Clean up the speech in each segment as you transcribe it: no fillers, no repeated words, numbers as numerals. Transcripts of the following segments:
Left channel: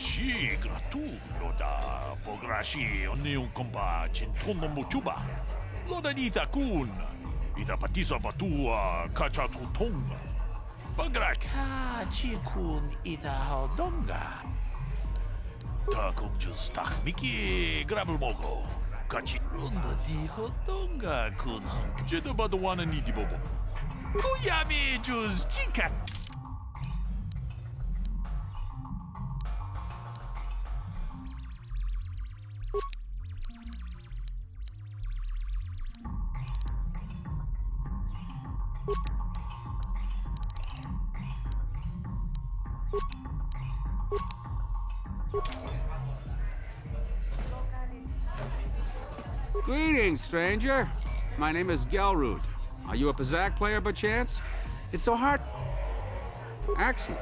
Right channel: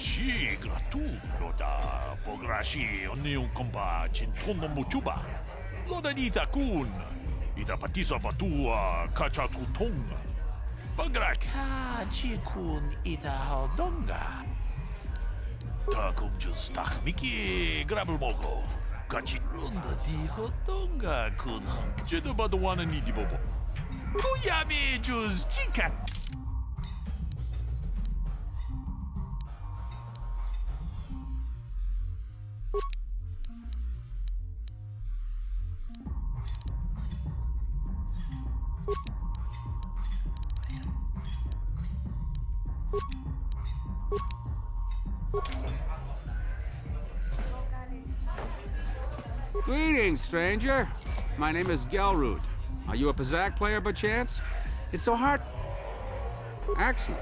Sì, gratulo da pograshi ogni un comba cintono mochuba. Loda dita kun. Ita patisa batua kacha tutonga. Bagra ka kun ita hodonga. Ta kung just tak miki grabel mogo. Kachi runda di hodonga kun hang. Jeda badawana ni di bobo. Kuyami just chikat. Greetings, stranger. My name is Gelrud. Are you a Pazak player by chance? It's so hard. Excellent.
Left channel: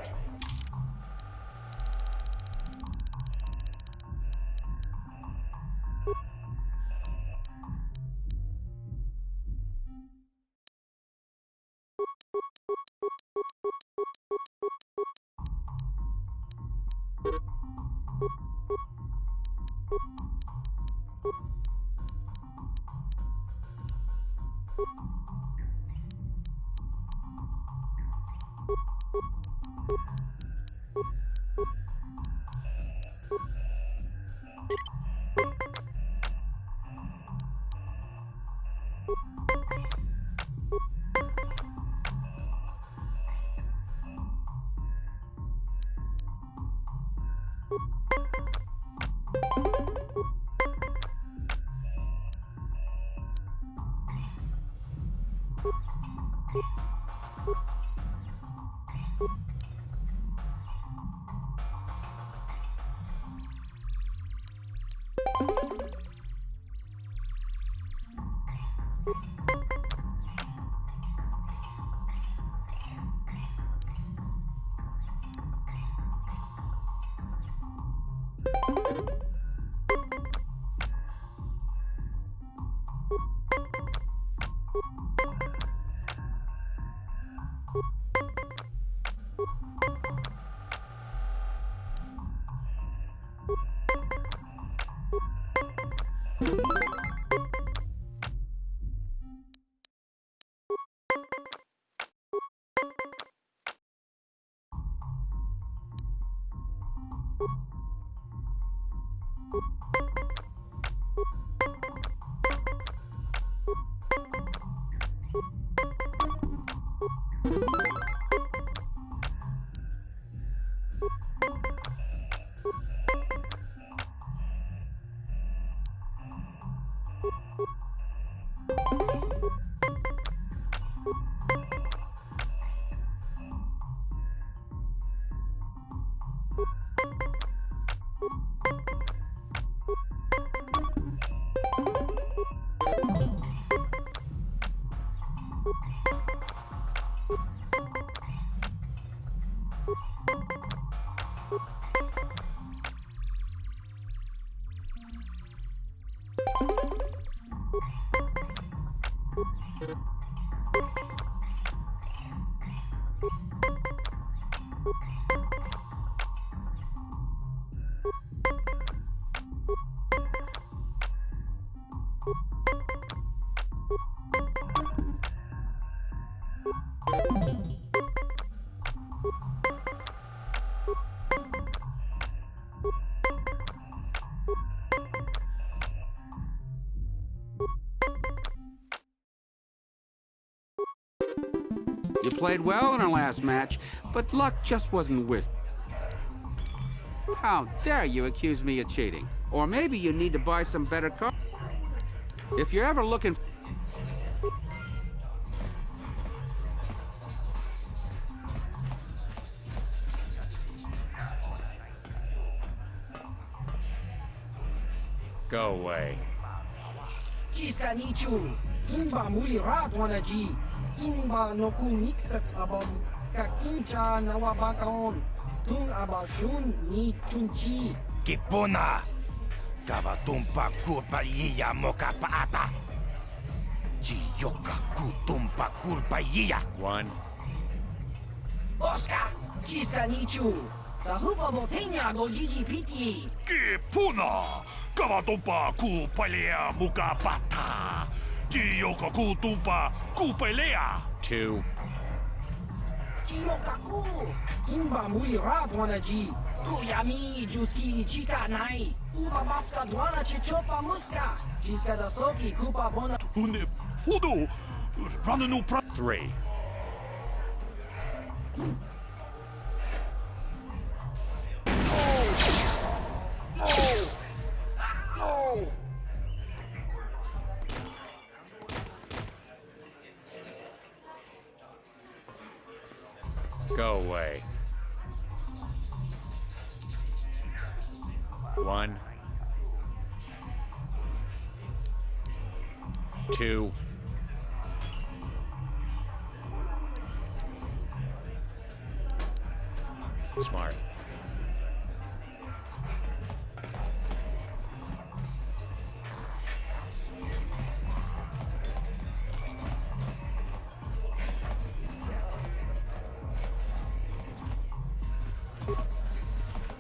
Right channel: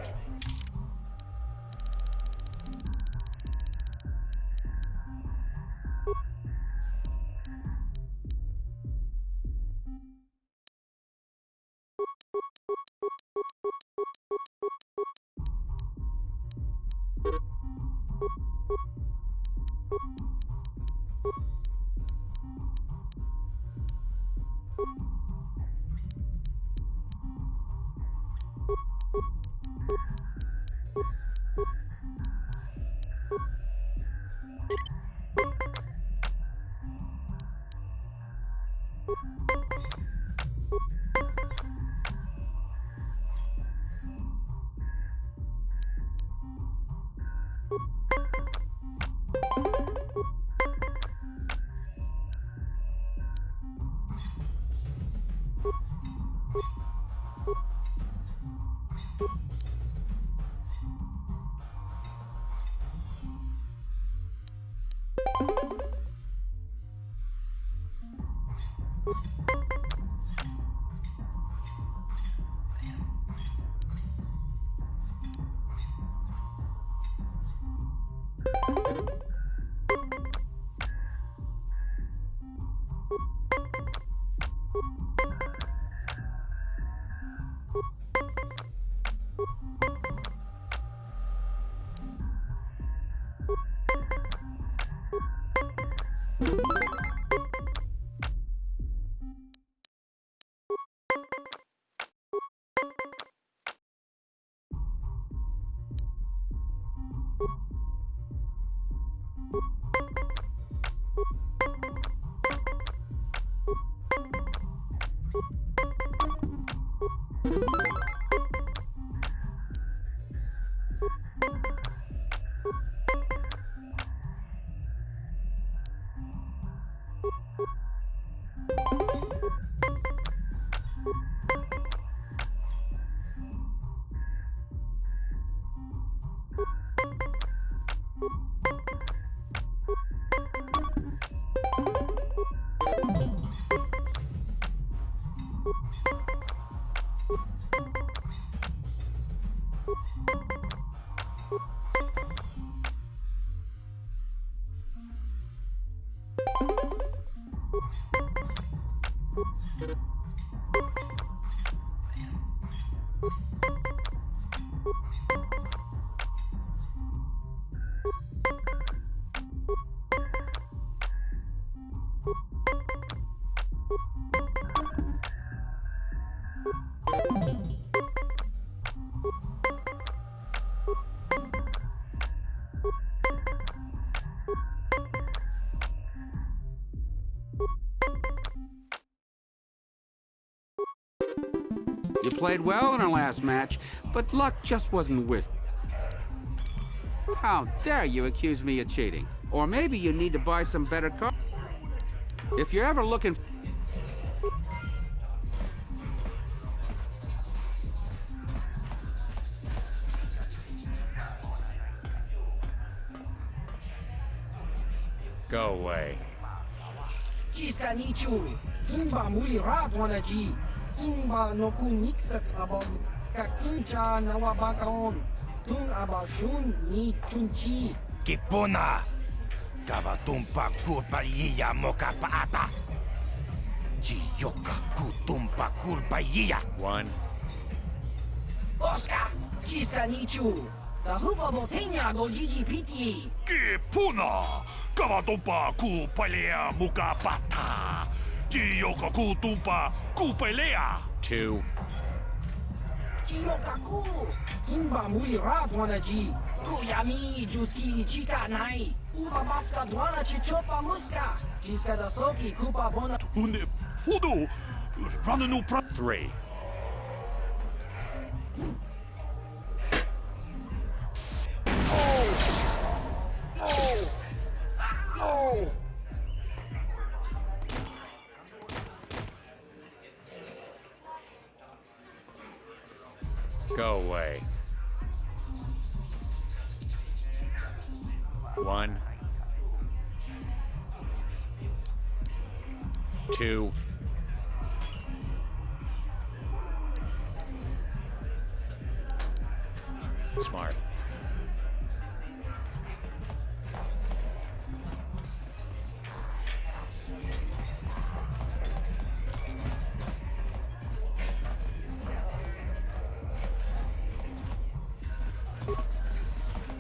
You played well in our last match, but luck just wasn't with you. How dare you accuse me of cheating? Or maybe you need to buy some better cards. If you're ever looking... Go away. Kiskanichu, Kimba Mulirat Wanaji, Kimba no Kunixat about Kakincha Nawabakaon, Tung Abashun ni Chunchi. Kipuna! Kavatumpa kurpa yiya moka paata! Jiyoka kutumpa kurpa yiya! One. Oscar, Kiskanichu, Tahupa botenya go Gigi Piti. Ke puna! Kavatumpa ku palea muka pata! Jiyoka ku tumpa ku palea! 2. Kiyokaku. Kimba muli rat wanaji. Kuyami juski chika nai. Uba baska dwana chichopa muska. Chiska da soki kupa bona. Une pudu! Rananu pra... 3. Go away. 1. 2. Smart.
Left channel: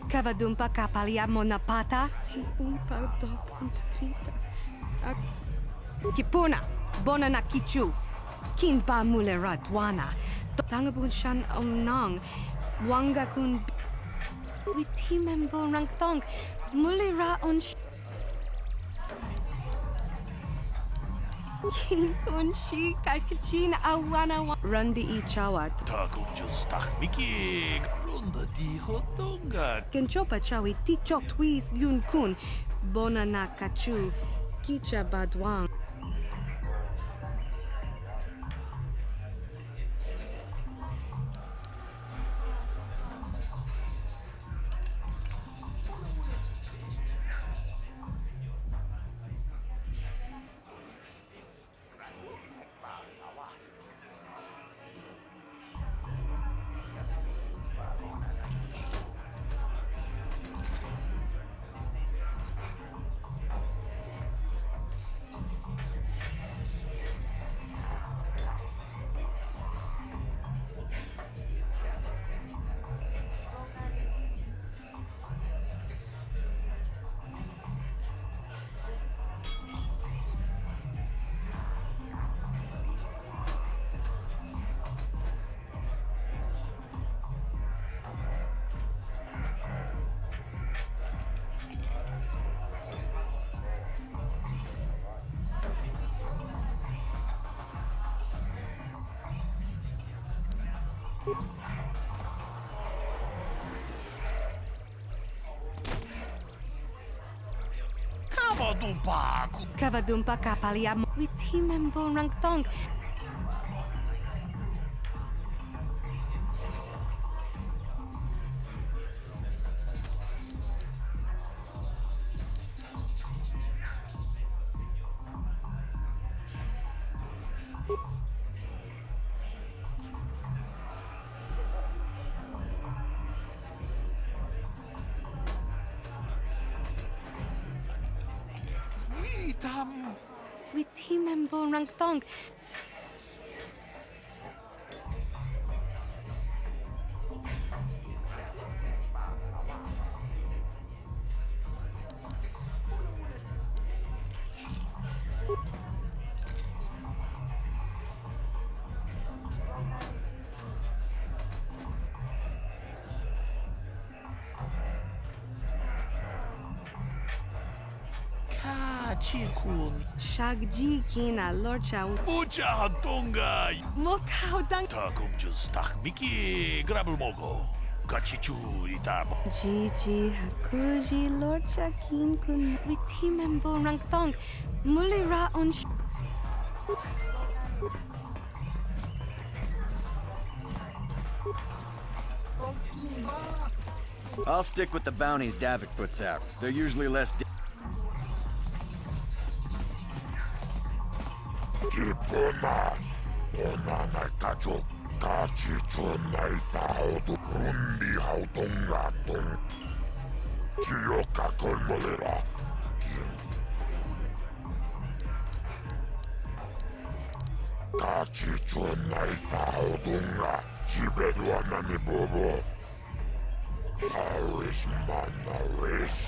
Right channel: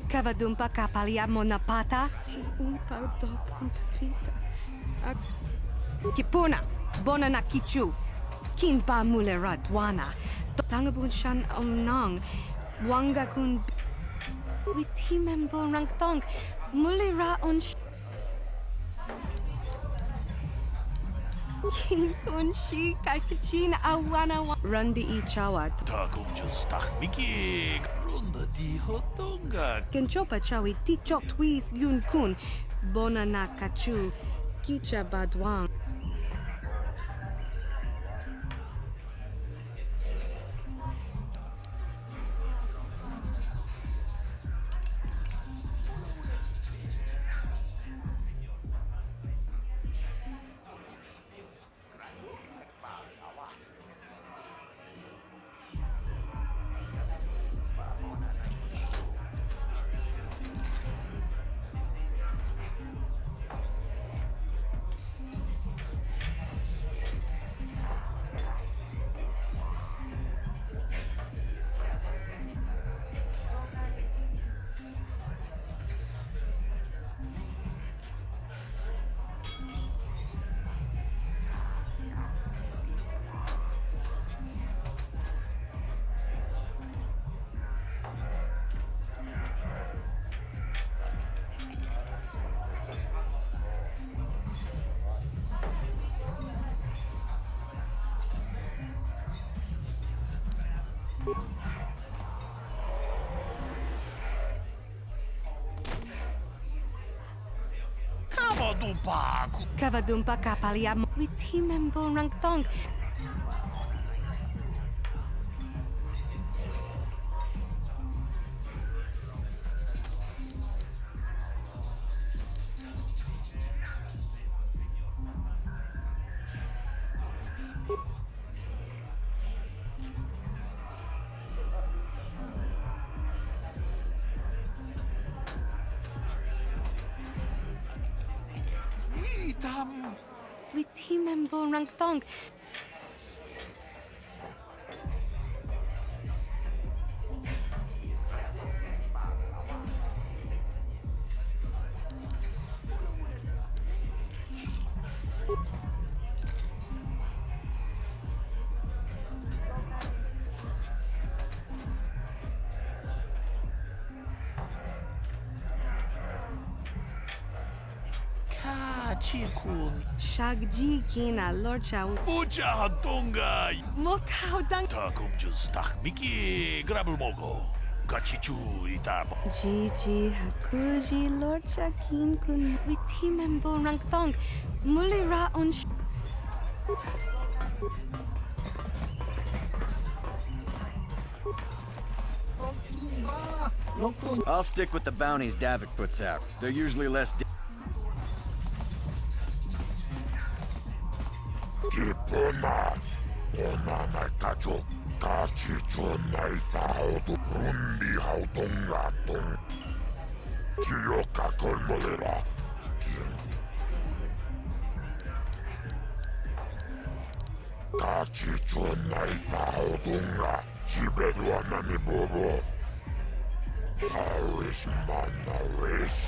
Kavadumpa kapalia monapata. Ti umpa do punta krita. Kipuna, bona na kichu. Kinpa mulera dwana. Tangabun shan omnong. Wanga kun. Witimembo rangtong. Mulera on. Kin kun shi kakichin awana. Rundi ichawa. Takunjus tahmiki! Runda di hotonga! Kenchopa chawi tichok twis yun kun. Bona na kachu. Kicha badwang. Kavadumpa ku... Kavadumpa kapalia. Witimembo rangtong. Witam... Witimembo rangtong. Kachikun... Shagji kina lorcha. Mucha hotonga! Mokau dang. Takunjus tahmiki! Grabulmogo! Kachichu itabo! Gigi hakuji lorcha kin kun. Witimembo rangtong. Mulira on. Kimba. Lokun. I'll stick with the bounties Davik puts out. They're usually less. Kipuna, onanai kacho, kachicho nai saudu, rundi hautungatung. Chiyoka kolmolera, kin. Kachicho nai saudunga, chibeduana ni bobo. Paris manaris.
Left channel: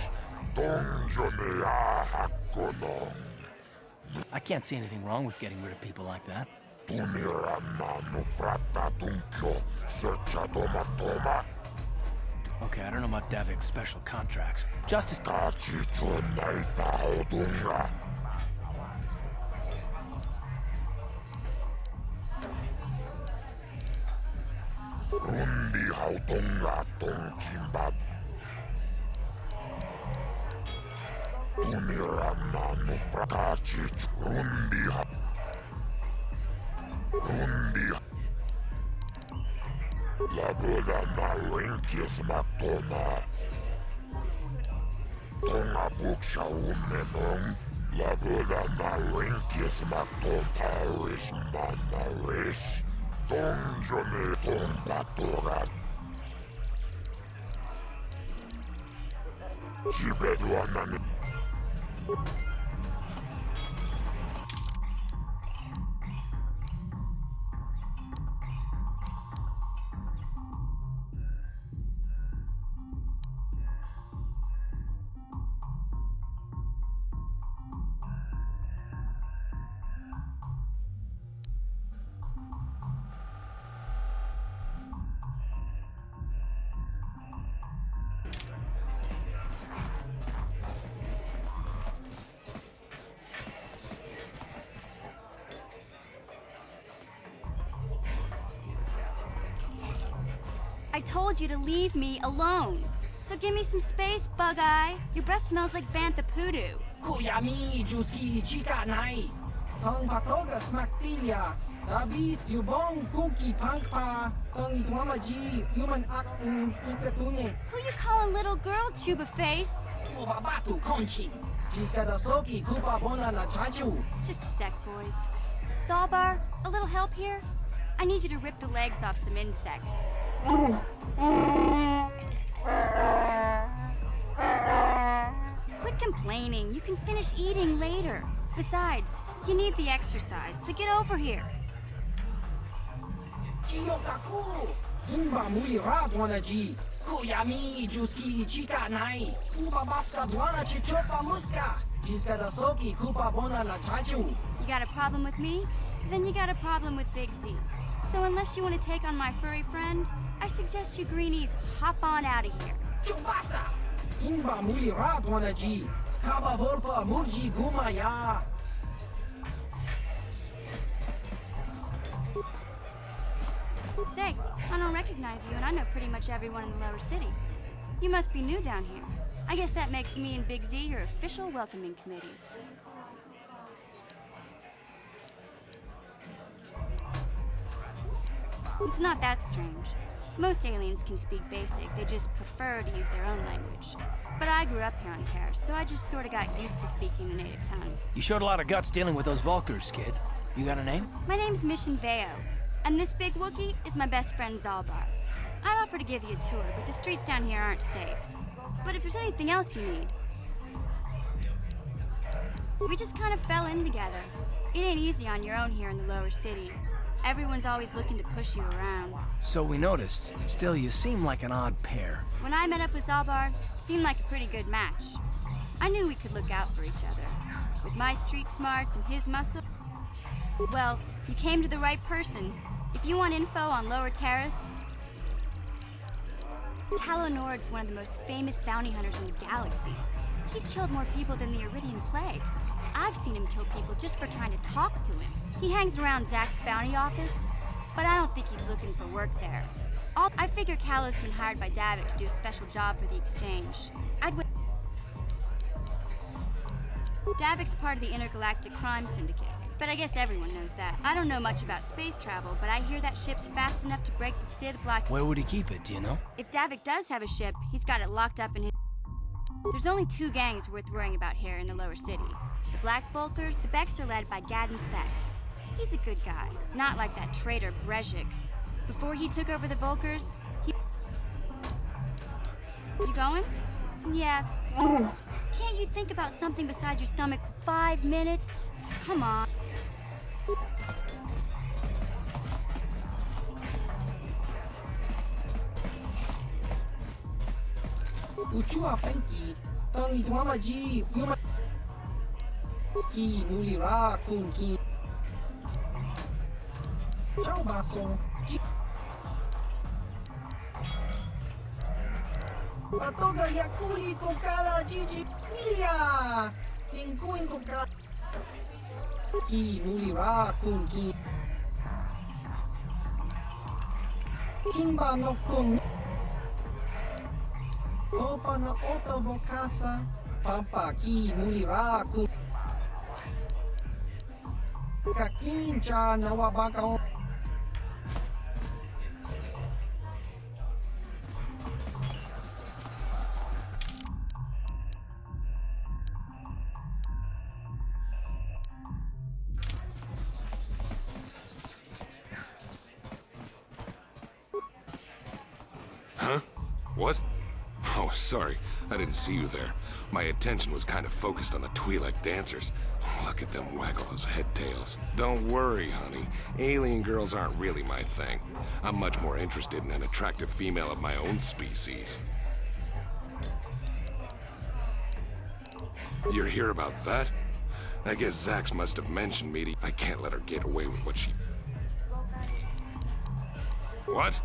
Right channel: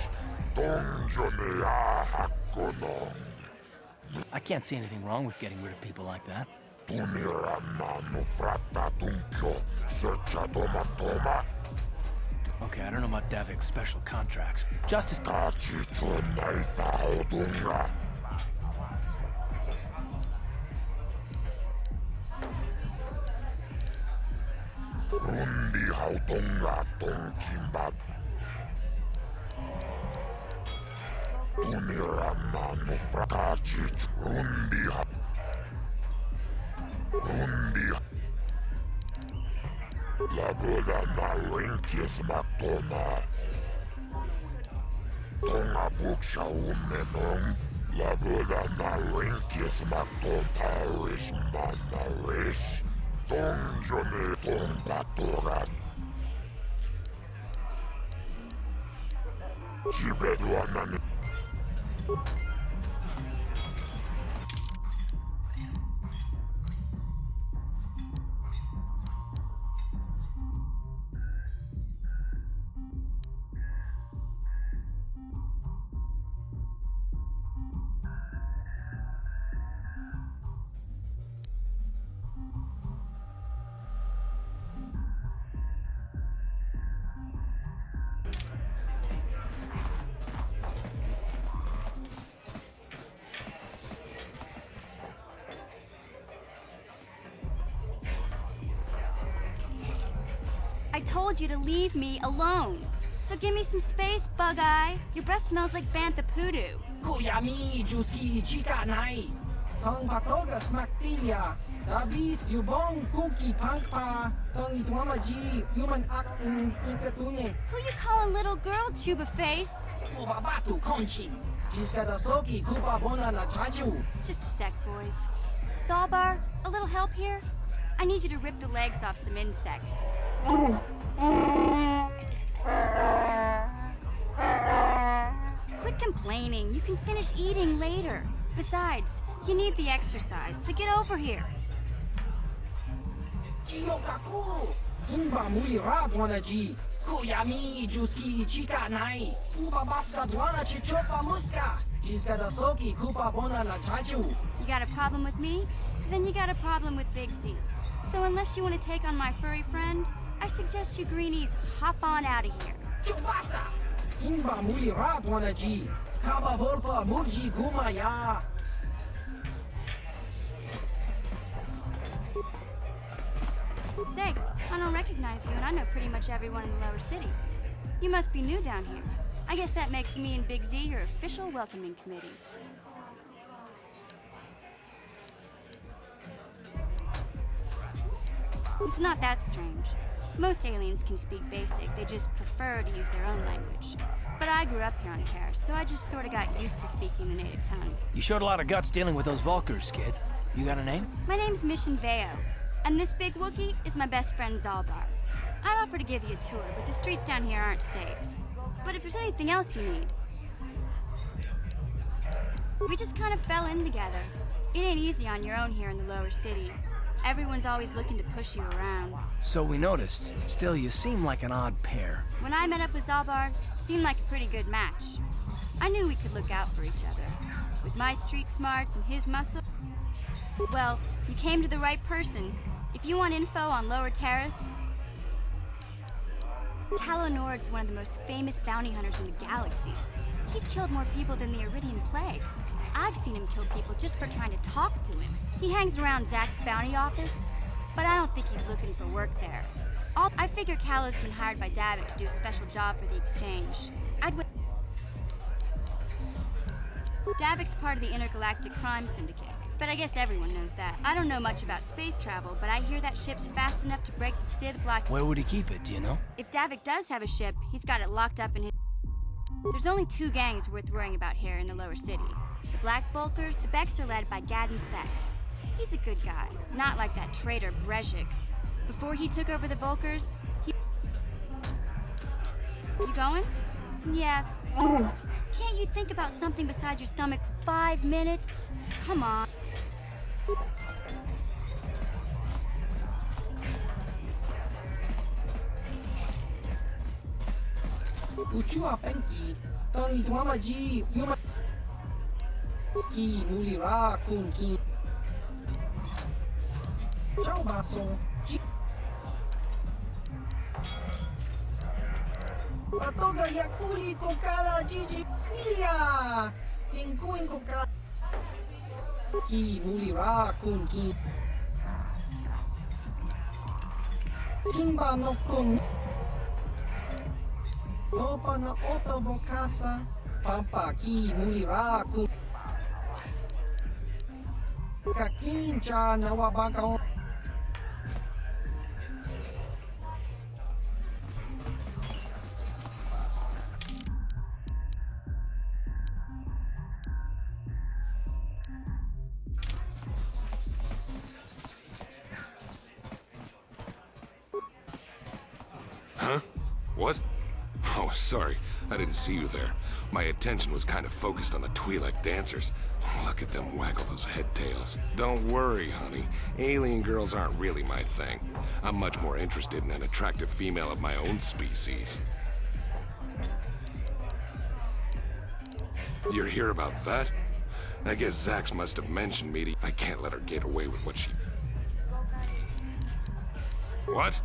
Dongjone ahakkonong. I can't see anything wrong with getting rid of people like that. Tuniramanu prata tunkyo. Searcha toma toma. Okay, I don't know about Davik's special contracts. Justice... Kachicho naitha hodunga. Rundi hautonga tonkimbat. Tuniramanu prakachich. Rundi Labuda na rinkis matona. Tonga buksha umenong. Labuda na rinkis maton Paris manaris. Dongjone tombatoras. Jibeduanani. I told you to leave me alone. So give me some space, Bug-Eye. Your breath smells like Bantha Poodoo. Kuyami Juski Chika Nai. Tong Patoga Smaktilia. Dabi Yubong Kuki Pankpa. Tong Itwamaji Human Act in Inkatune. Who you calling little girl, Chuba Face? Ubabatu Conchi. Jiskadasoki Kupa Bona na Chachu. Just a sec, boys. Zalbar, a little help here? I need you to rip the legs off some insects. Quit complaining. You can finish eating later. Besides, you need the exercise, so get over here. Jiyokaku. Kimba Muli Radwana Ji. Kuyami Juski Chika Nai. Ubabaska Dwana Chichopa Muska. Jiskadasoki Kupa Bona na Chachu. You got a problem with me? Then you got a problem with Big Z. So unless you want to take on my furry friend, I suggest you greenies hop on out of here. Chubasa! Kimba Muli Radwana Ji. Kaba Volpa Murji Gumaya. Say, I don't recognize you, and I know pretty much everyone in the lower city. You must be new down here. I guess that makes me and Big Z your official welcoming committee. It's not that strange. Most aliens can speak basic, they just prefer to use their own language. But I grew up here on Terra, so I just sort of got used to speaking the native tongue. You showed a lot of guts dealing with those Vulkars, kid. You got a name? My name's Mission Veo, and this big Wookiee is my best friend Zalbar. I'd offer to give you a tour, but the streets down here aren't safe. But if there's anything else you need... We just kind of fell in together. It ain't easy on your own here in the lower city. Everyone's always looking to push you around. So we noticed. Still, you seem like an odd pair. When I met up with Zalbar, it seemed like a pretty good match. I knew we could look out for each other. With my street smarts and his muscle... Well, you came to the right person. If you want info on Lower Terrace... Calo Nord's one of the most famous bounty hunters in the galaxy. He's killed more people than the Iridian Plague. I've seen him kill people just for trying to talk to him. He hangs around Zack's bounty office, but I don't think he's looking for work there. I figure Calo's been hired by Davik to do a special job for the exchange. Davik's part of the Intergalactic Crime Syndicate, but I guess everyone knows that. I don't know much about space travel, but I hear that ship's fast enough to break the Sith Black... Where would he keep it, do you know? If Davik does have a ship, he's got it locked up in his... There's only two gangs worth worrying about here in the lower city. The Black Vulkars, the Becks are led by Gadden Beck. He's a good guy, not like that traitor Brezhik. Before he took over the Vulkars, he... You going? Yeah. Can't you think about something besides your stomach for 5 minutes? Come on. Uchua Penki, Tong Ituamaji, Yuma Ki Mulira Kun Ki Ciao Basso, Patoga Yakuli Kokala Gigi Smilia, Tinkuin Kokala Ki Mulira Kun Ki Kimba no Kun Opa na Otobokasa, Papa Ki Mulira Kun Kakincha Nawabaka. Huh? What? Oh, sorry. I didn't see you there. My attention was kind of focused on the Twi'lek dancers. Look at them waggle those head tails. Don't worry, honey. Alien girls aren't really my thing. I'm much more interested in an attractive female of my own species. You're here about that? I guess Zax must have mentioned me to... I can't let her get away with what she... What?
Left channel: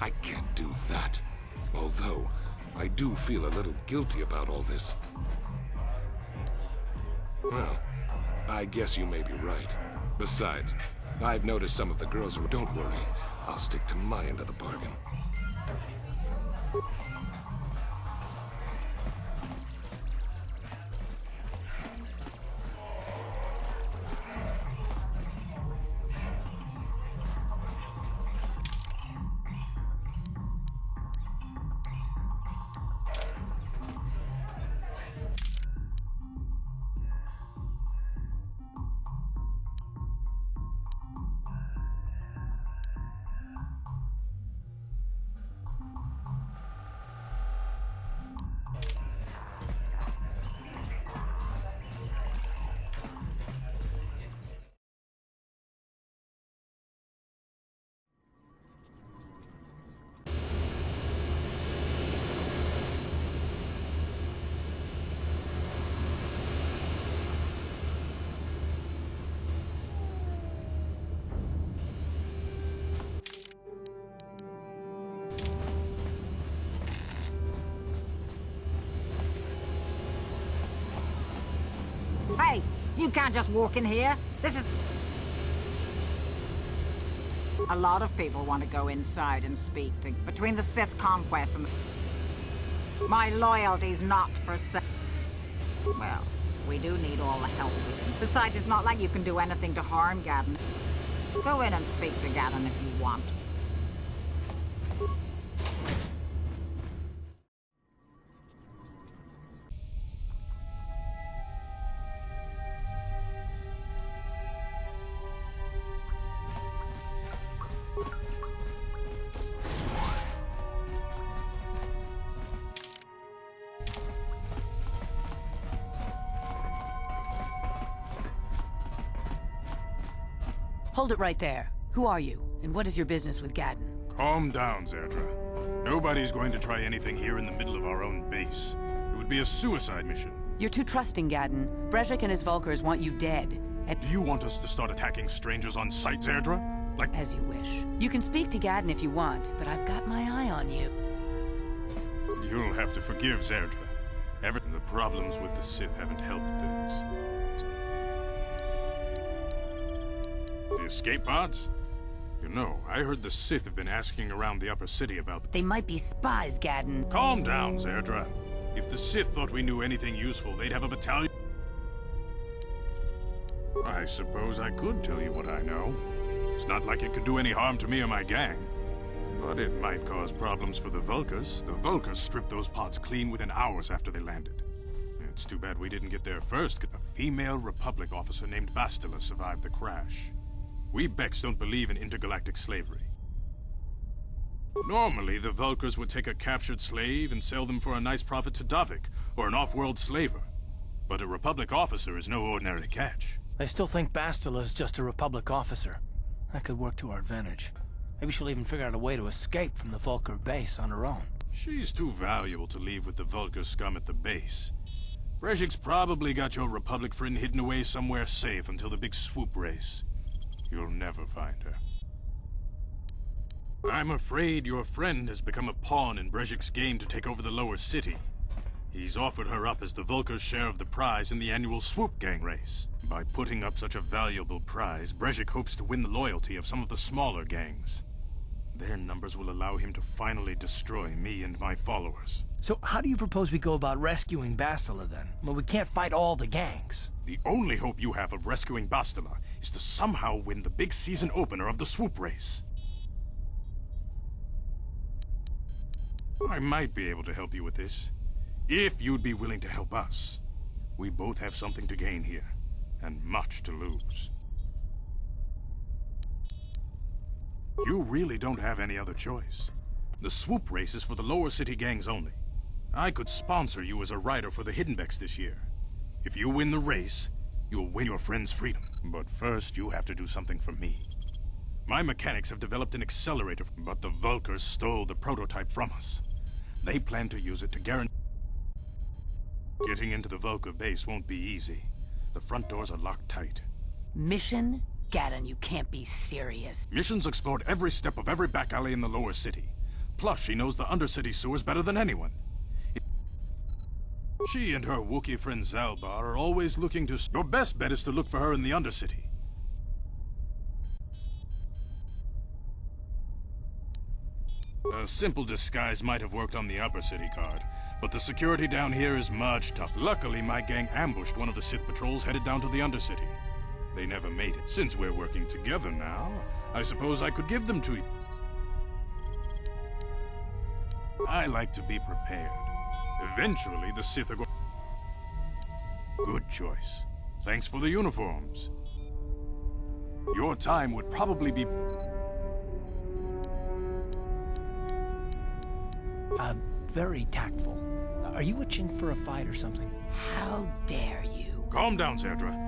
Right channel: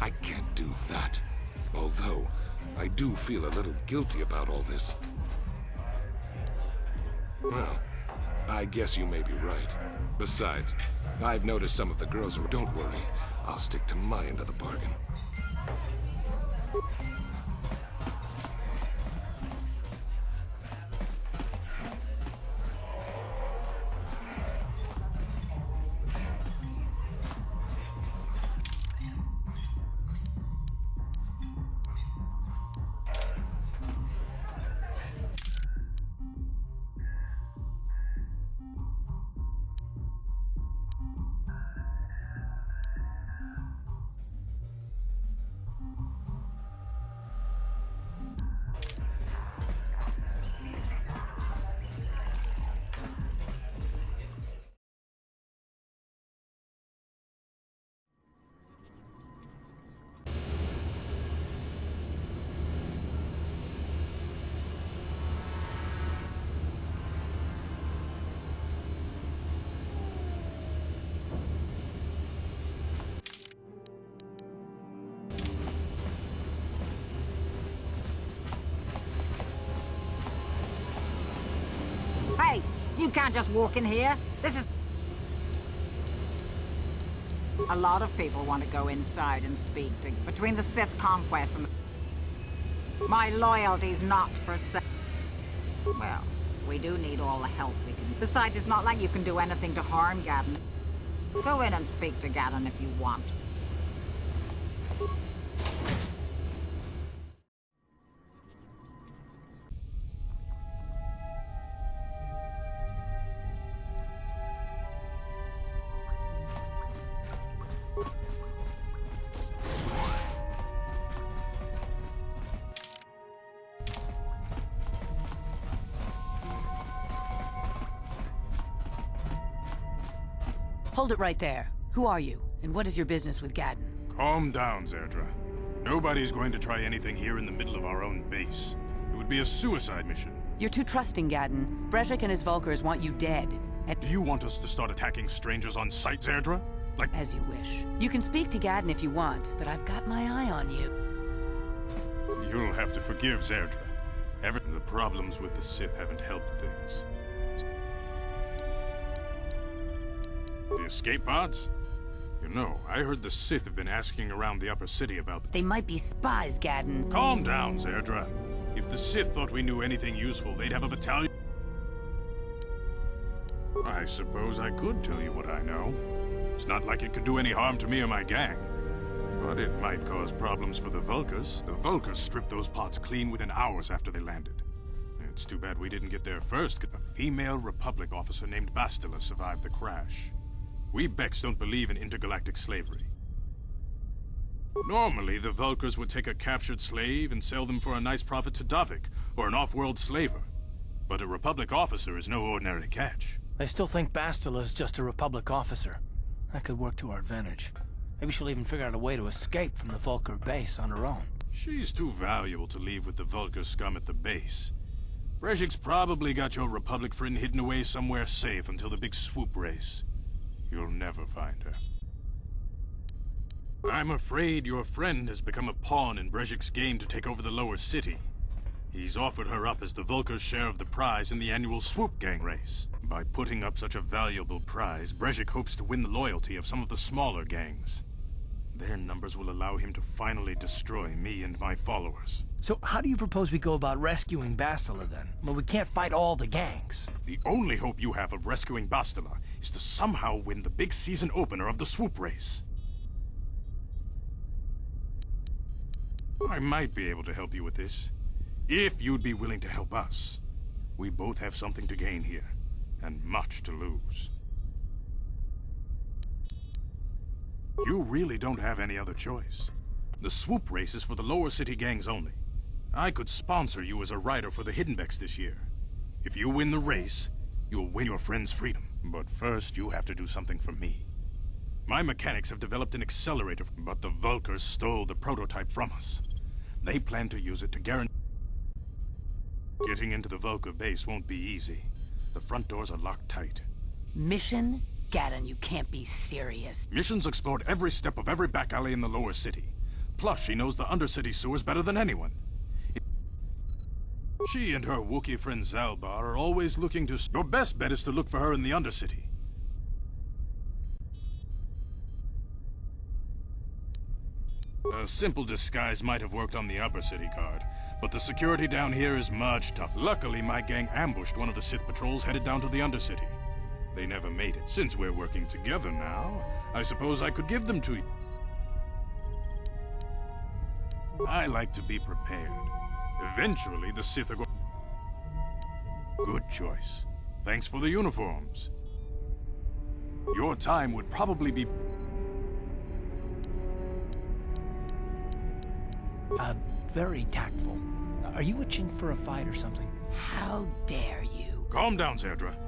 I can't do that. Although, I do feel a little guilty about all this. Well, I guess you may be right. Besides, I've noticed some of the girls are... Don't worry, I'll stick to my end of the bargain. Hey, you can't just walk in here. This is... A lot of people want to go inside and speak to... Between the Sith conquest and... My loyalty's not for sale. Well, we do need all the help we can. Besides, it's not like you can do anything to harm Gadon. Go in and speak to Gadon if you want. Hold it right there. Who are you, and what is your business with Gadon? Calm down, Zerdra. Nobody's going to try anything here in the middle of our own base. It would be a suicide mission. You're too trusting, Gadon. Breshik and his Vulkars want you dead. Do you want us to start attacking strangers on sight, Zerdra? Like... As you wish. You can speak to Gadon if you want, but I've got my eye on you. You'll have to forgive Zerdra. The problems with the Sith haven't helped things. The escape pods? You know, I heard the Sith have been asking around the upper city about them. They might be spies, Gadon. Calm down, Zerdra. If the Sith thought we knew anything useful, they'd have a battalion. I suppose I could tell you what I know. It's not like it could do any harm to me or my gang. But it might cause problems for the Vulkars. The Vulkars stripped those pods clean within hours after they landed. It's too bad we didn't get there first. A female Republic officer named Bastila survived the crash. We Beks don't believe in intergalactic slavery. Normally, the Vulkars would take a captured slave and sell them for a nice profit to Davik, or an off-world slaver. But a Republic officer is no ordinary catch. I still think Bastila's just a Republic officer. That could work to our advantage. Maybe she'll even figure out a way to escape from the Vulkar base on her own. She's too valuable to leave with the Vulgar scum at the base. Brezhik's probably got your Republic friend hidden away somewhere safe until the big swoop race. You'll never find her. I'm afraid your friend has become a pawn in Brezhik's game to take over the lower city. He's offered her up as the Vulkar's share of the prize in the annual Swoop Gang race. By putting up such a valuable prize, Brezhik hopes to win the loyalty of some of the smaller gangs. Their numbers will allow him to finally destroy me and my followers. So how do you propose we go about rescuing Bastila then? Well, we can't fight all the gangs. The only hope you have of rescuing Bastila is to somehow win the big season opener of the Swoop race. I might be able to help you with this, if you'd be willing to help us. We both have something to gain here, and much to lose. You really don't have any other choice. The Swoop race is for the lower city gangs only. I could sponsor you as a rider for the Hiddenbecks this year. If you win the race, you'll win your friend's freedom. But first, you have to do something for me. My mechanics have developed an accelerator, but the Vulkars stole the prototype from us. They plan to use it to guarantee... Getting into the Vulkar base won't be easy. The front doors are locked tight. Mission? Gaddon, you can't be serious. Mission's explored every step of every back alley in the lower city. Plus, she knows the undercity sewers better than anyone. She and her Wookiee friend Zalbar are always looking to... Your best bet is to look for her in the undercity. A simple disguise might have worked on the upper city guard, but the security down here is much tough. Luckily, my gang ambushed one of the Sith patrols headed down to the undercity. They never made it. Since we're working together now, I suppose I could give them to you. I like to be prepared. Eventually, the Sith are going... Good choice. Thanks for the uniforms. Your time would probably be... Very tactful. Are you itching for a fight or something? How dare you? Calm down, Zerdra.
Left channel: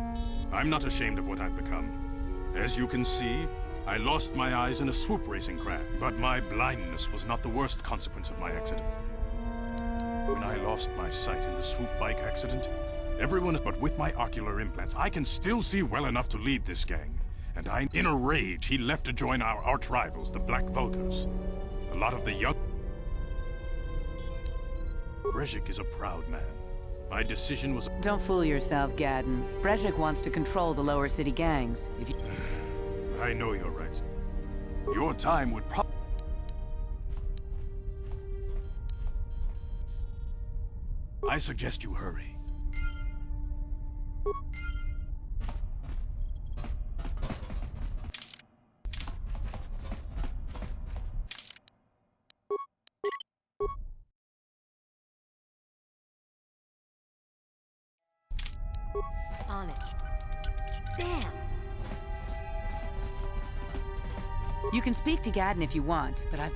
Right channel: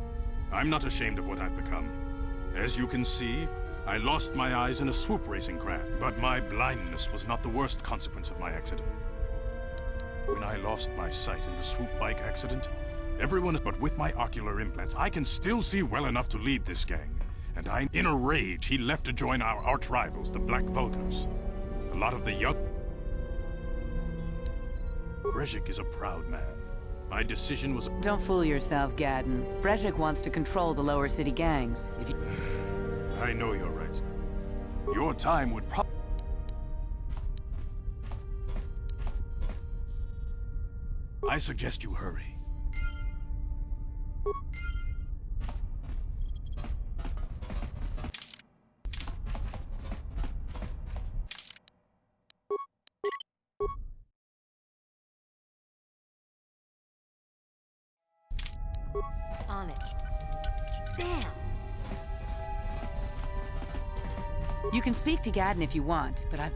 I'm not ashamed of what I've become. As you can see, I lost my eyes in a swoop racing crash, but my blindness was not the worst consequence of my accident. When I lost my sight in the swoop bike accident, everyone... But with my ocular implants, I can still see well enough to lead this gang. And in a rage, he left to join our arch-rivals, the Black Vulkars. A lot of the young... Brezhik is a proud man. My decision was... Don't fool yourself, Gaddon. Brezhik wants to control the lower city gangs. If you... I know your rights. Your time would probably... I suggest you hurry. On it. Damn! You can speak to Gaddon if you want, but I've...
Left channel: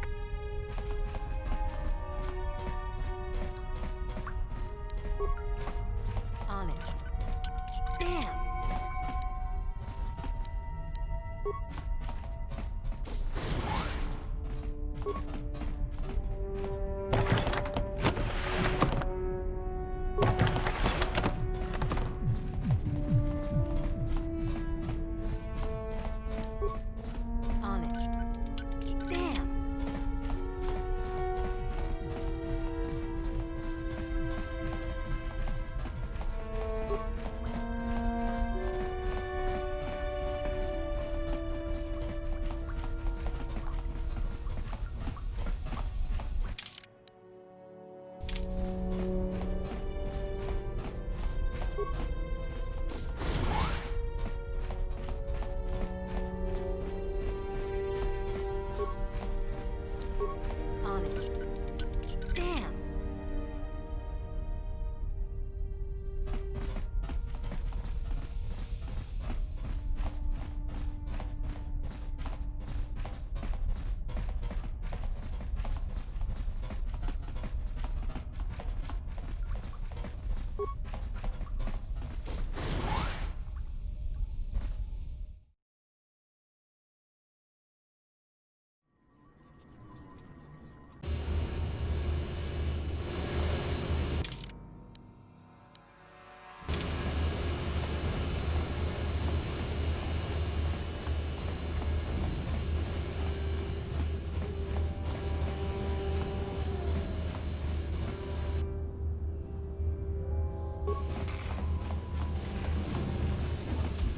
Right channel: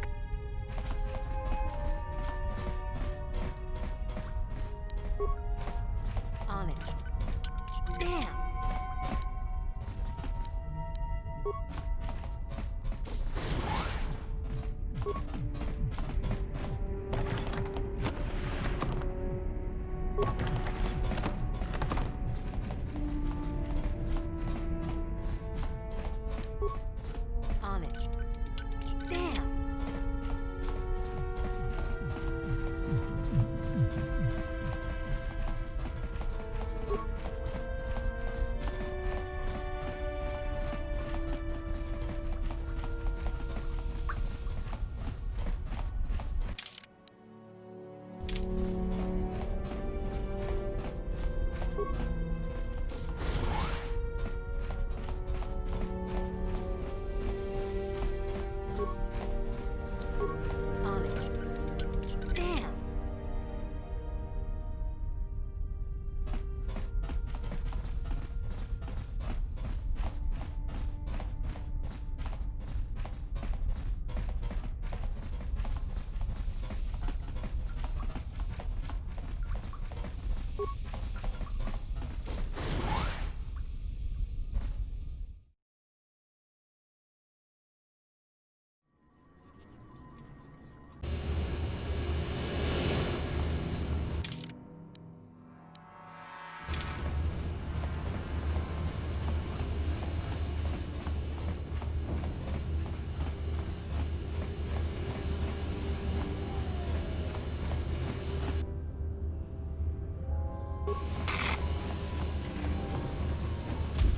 On it. Damn! On it. Damn!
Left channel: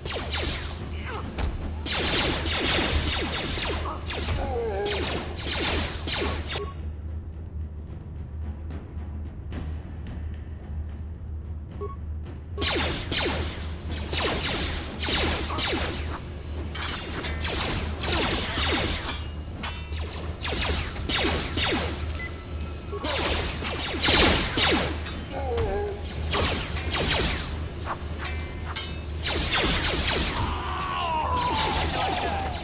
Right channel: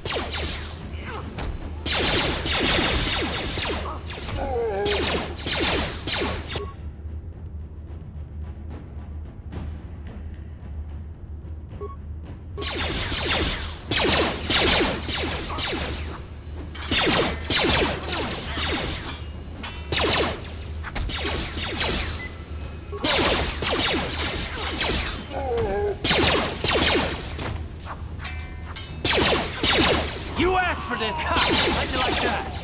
You asked for this! How'd you like that?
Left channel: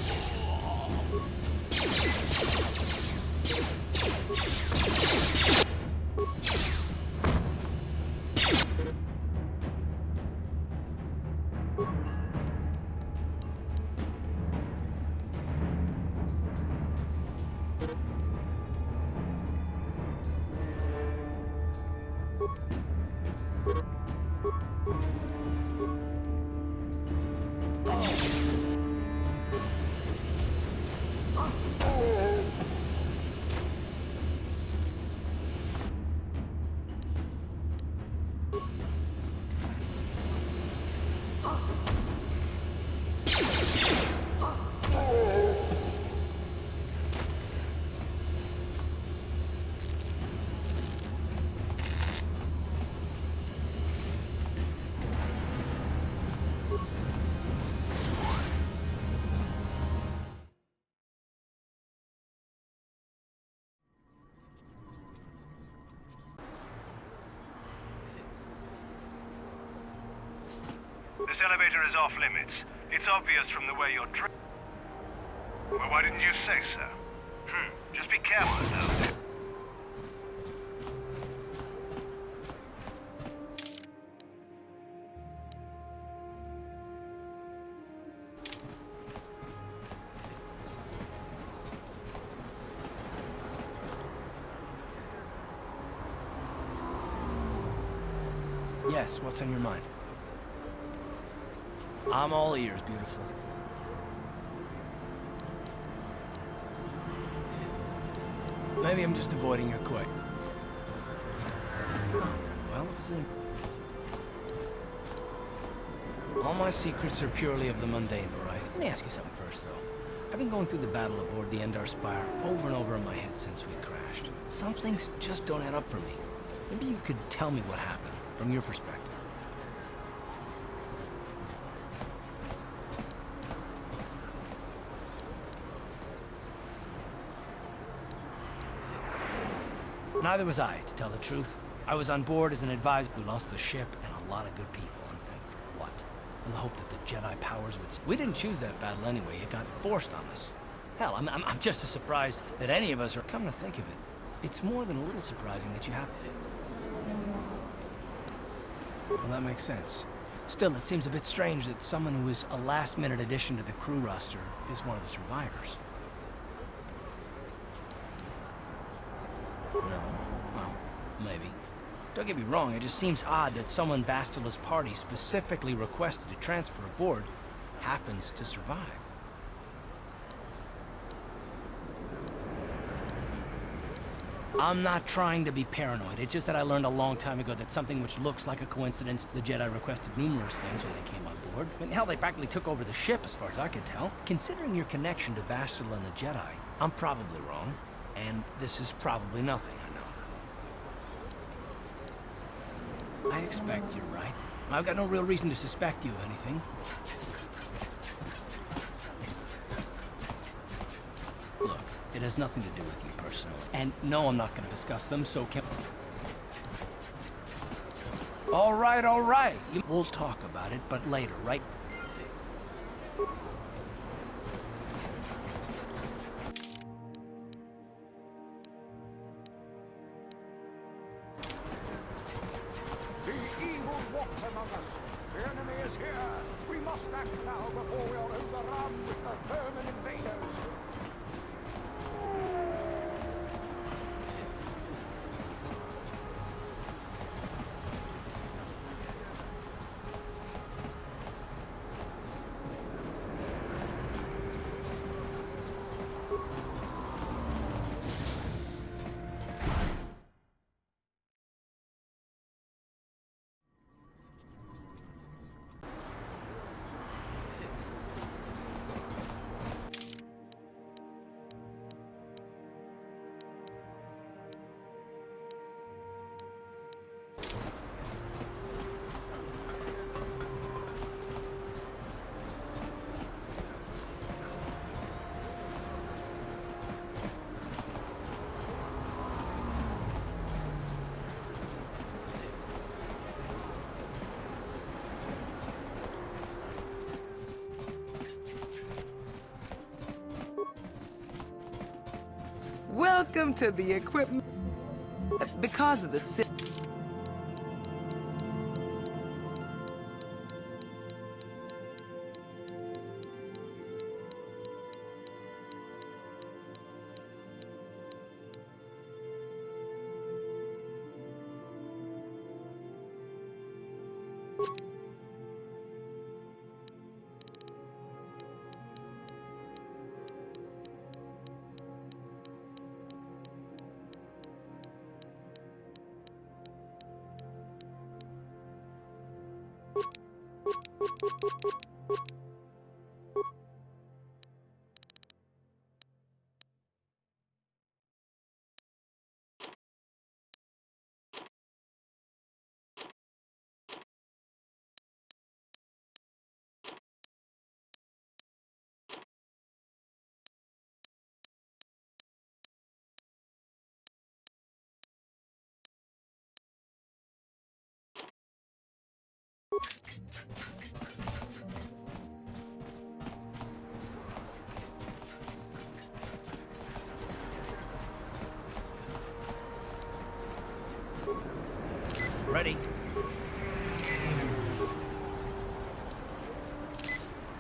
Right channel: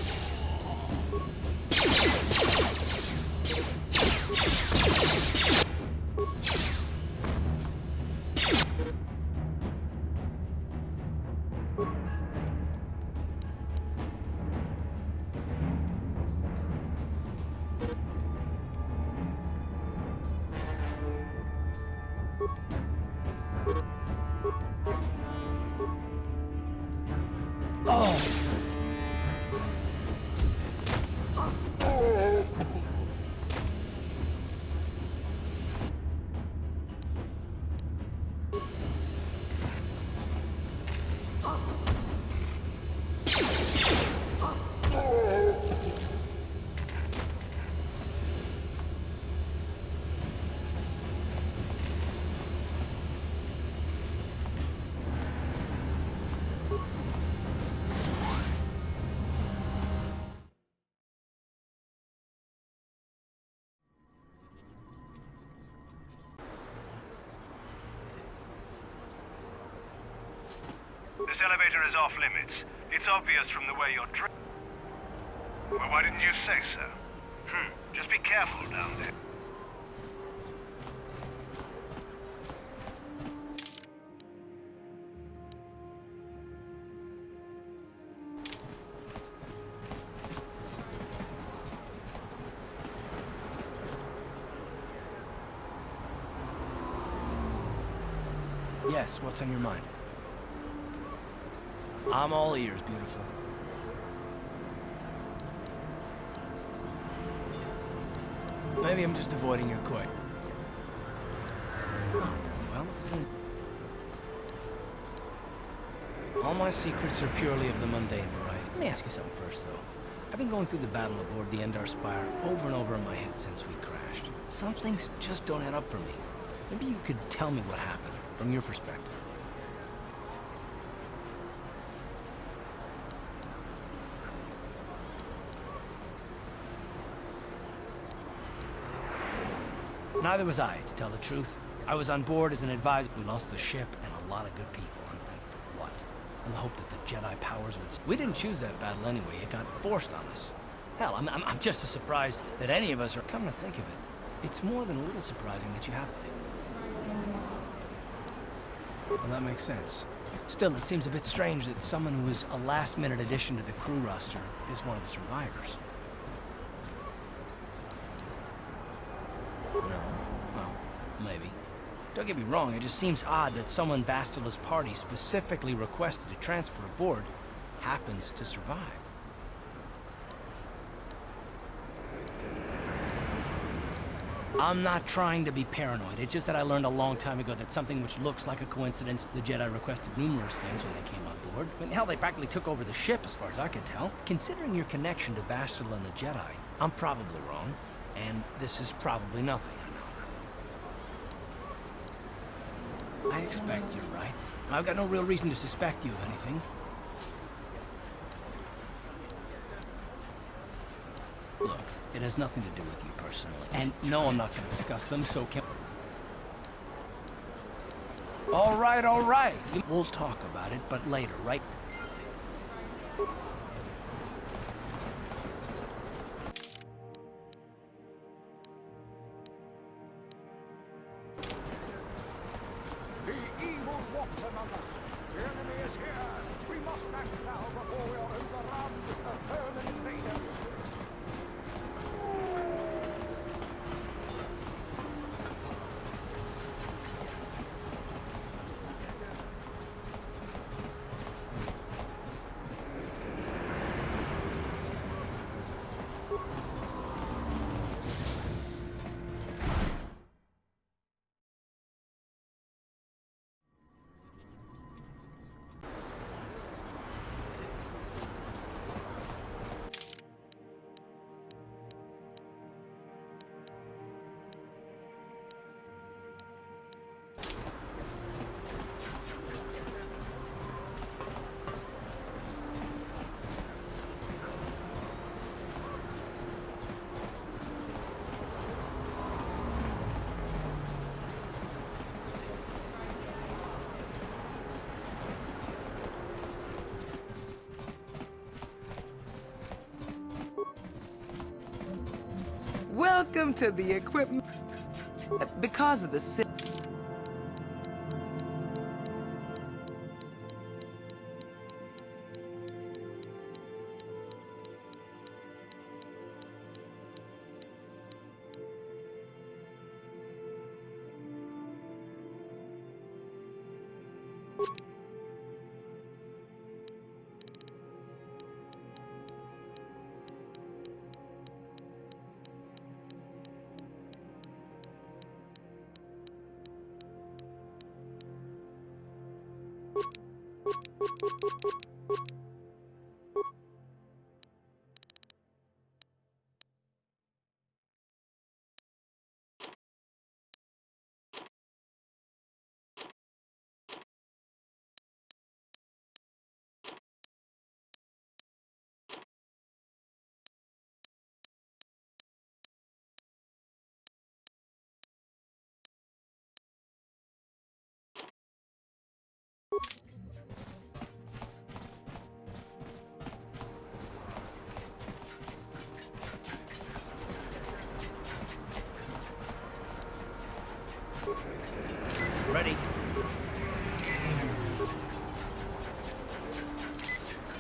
This elevator is off limits. It's obvious from the way you're Well, why didn't you say so? Just be careful down there. Yes, what's on your mind? I'm all ears, beautiful. Maybe I'm just avoiding your quake. Oh, well, it was an... All my secrets are purely of the mundane variety. Let me ask you something first, though. I've been going through the battle aboard the Endar Spire over and over in my head since we crashed. Some things just don't add up for me. Maybe you could tell me what happened, from your perspective. Neither was I, to tell the truth. I was on board as an advisor. We lost the ship and a lot of good people, and for what? In the hope that the Jedi powers would... We didn't choose that battle anyway. It got forced on us. Hell, I'm just as surprised that any of us are... Come to think of it, it's more than a little surprising that you have... Well, that makes sense. Still, it seems a bit strange that someone who is a last-minute addition to the crew roster is one of the survivors. No. Well, maybe. Don't get me wrong, it just seems odd that someone Bastila's party specifically requested to transfer aboard happens to survive. I'm not trying to be paranoid. It's just that I learned a long time ago that something which looks like a coincidence, the Jedi requested numerous things when they came on board. I mean, hell, they practically took over the ship, as far as I could tell. Considering your connection to Bastila and the Jedi, I'm probably wrong. And this is probably nothing, I know. I expect you're right. I've got no real reason to suspect you of anything. Look, it has nothing to do with you personally. And no, I'm not going to discuss them, so can... All right. We'll talk about it, but later, right? The evil walks among us. The enemy is here. We must act now before we are overrun with the vermin invaders. Welcome to the equipment. Because of the Sith. Ready?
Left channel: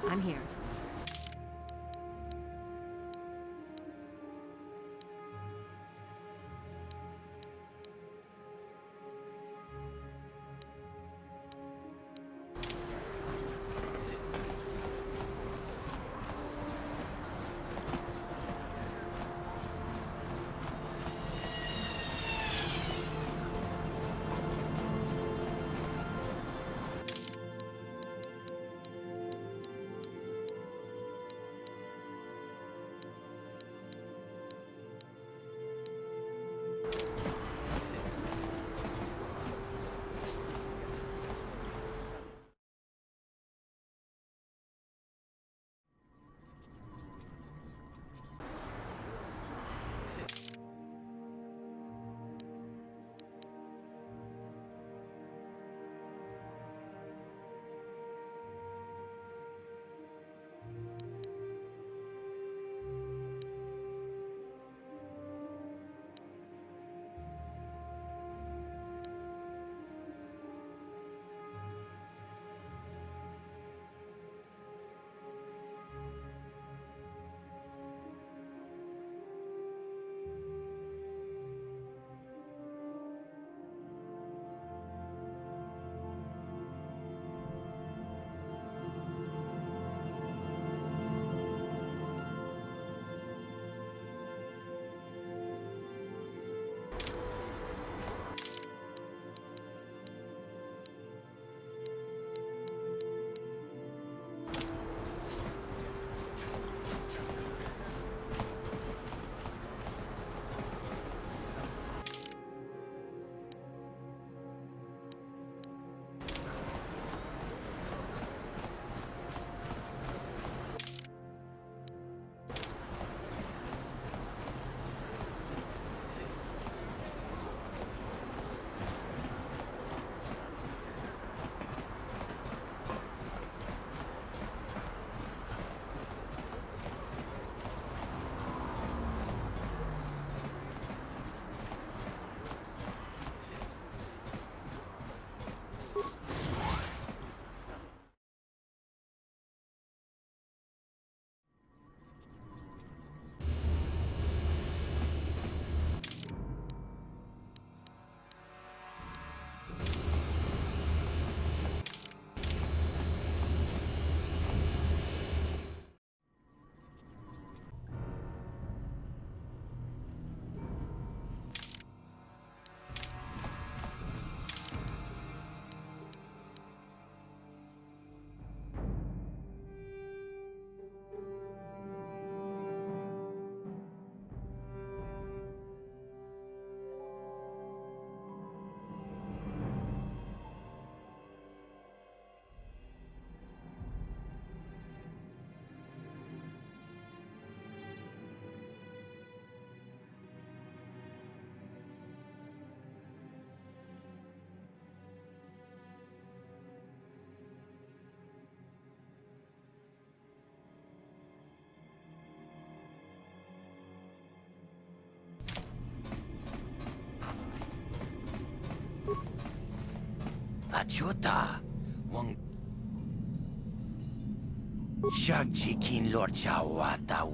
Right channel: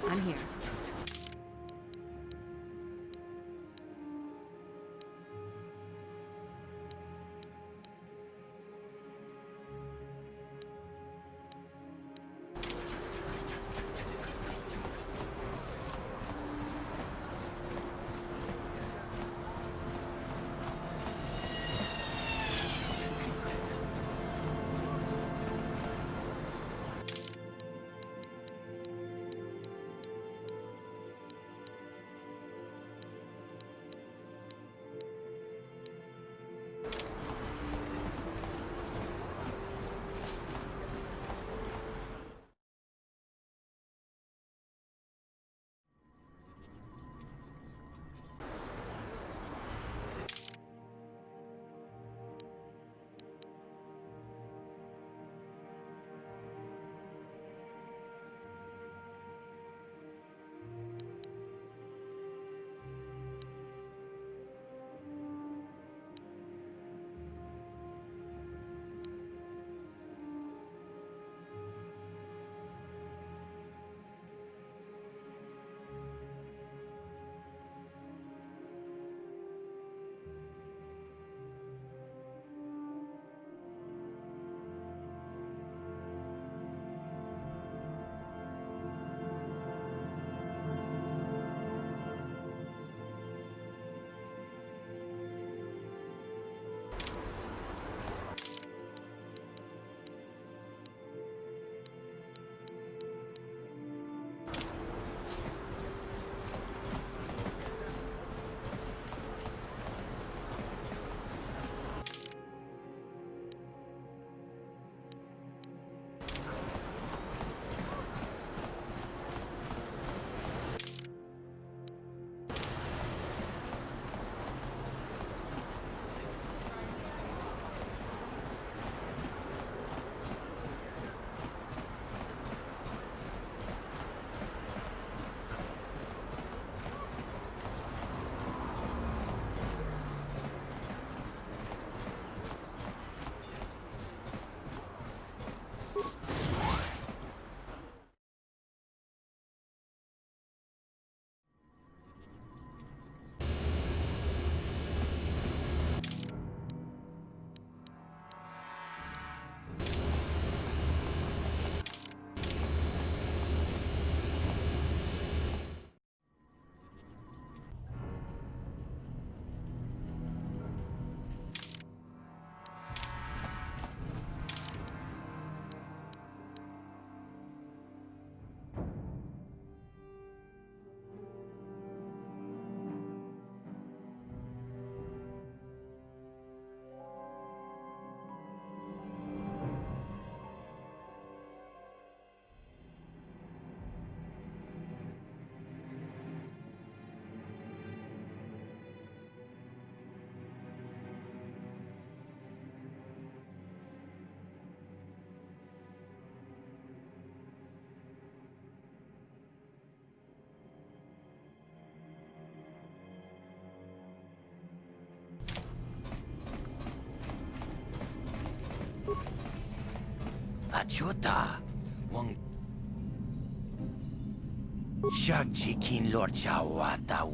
I'm here. Achuta. Wang. Shagji kin lord chawata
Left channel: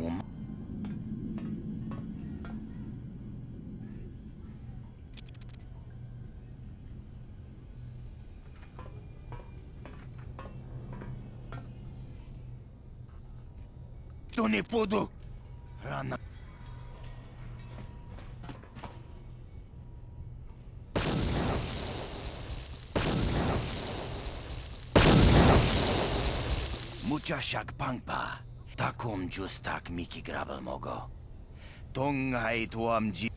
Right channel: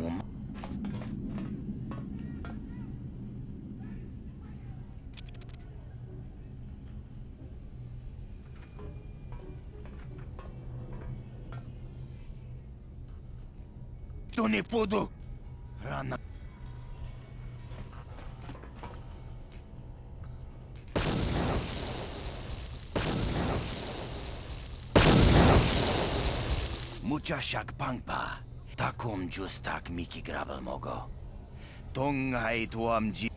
Tony Podo. Rana. Mucha shak pangpa. Takum justak miki grabal mogo. Tong hai tuam ji.